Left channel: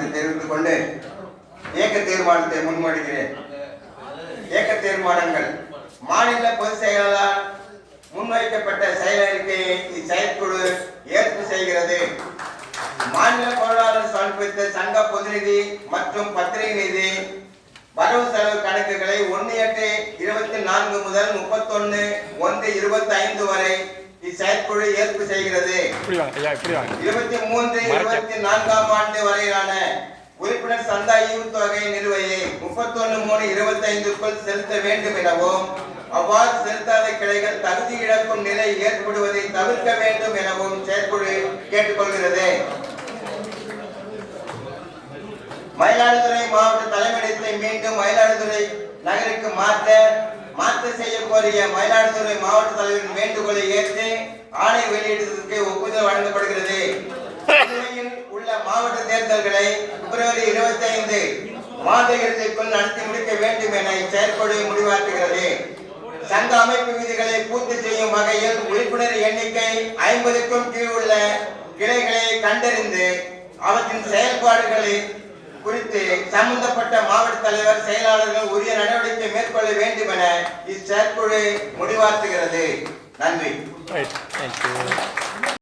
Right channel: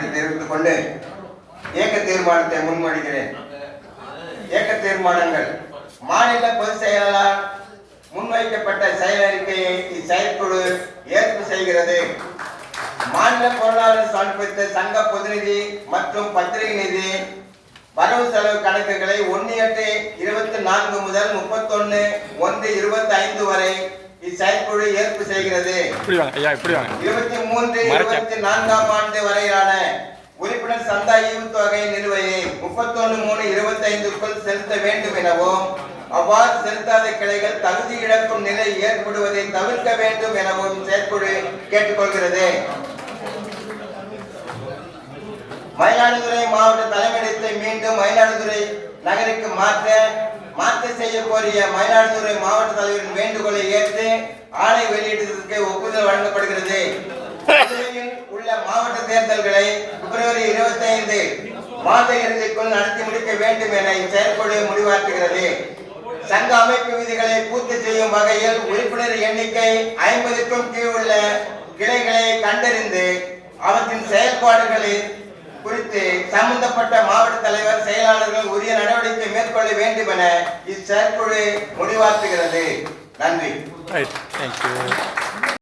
என்று தெரிவித்துக் கொண்டு இயக்க தீர்மானத்தை முன்மொழிகிறேன். இயக்க தீர்மானங்கள். மாநில பொதுச் செயலாளர் முன்வைக்கப்பட்ட செயல் அறிக்கையை இச்செயற்குழு ஏற்பு செய்கிறது. மாநில பொருளாதார சமர்ப்பித்த சங்க பொதுநிதி மற்றும் பத்திரிகை நிதி வரவு செலவு கணக்குகளை 1/8/24 முதல் 31/1/25 வரை இச்செயற்குழு ஏற்பு செய்கிறது. 23-24 ஆண்டு வரையிலான உறுப்பினர் சந்தா ஈவுத்தொகை நிலுவையை 31/3/25க்குள் செலுத்த வேண்டும் எனவும் அவ்வாறு செலுத்தாத கிளைகள் தகுதி இழக்கும் நிலை ஏற்படுவதை தவிர்க்க வேண்டும் எனவும் செயற்குழு கேட்டுக்கொள்கிறது. மயிலாடுதுறை மாவட்ட தலைமையிடத்தை மீண்டும் மயிலாடுதுறை நகருக்கு மாற்ற செய்ய கோரிய மயிலாடுதுறை மாவட்ட தலைவரின் வேண்டுகோளை ஏற்று ஆணை வெளியிடுவதற்கு ஒப்புதல் வழங்கப்படுகிறது. உள்ள மாவட்ட தேர்தல்களை பிப்ரவரி 25 மாத இறுதிக்குள் நடத்தி முடிக்க வேண்டும் என இச்செயற்குழு முடிவாற்றுகிறது. சங்க அமைப்பு விதிகளை பூர்த்தி செய்யும் வகையில் உறுப்பினர் எண்ணிக்கை 50க்கும் கீழ் உள்ள கிளைகளை கண்டறிந்து அவற்றின் செயல்பாடுகளை குறித்து சம்பந்தப்பட்ட மாவட்ட தலைவர் செயலாளர்கள் உரிய நடவடிக்கை மேற்கொள்ள வேண்டும் என இச்செயற்குழு முடிவாற்றுகிறது. நன்றி.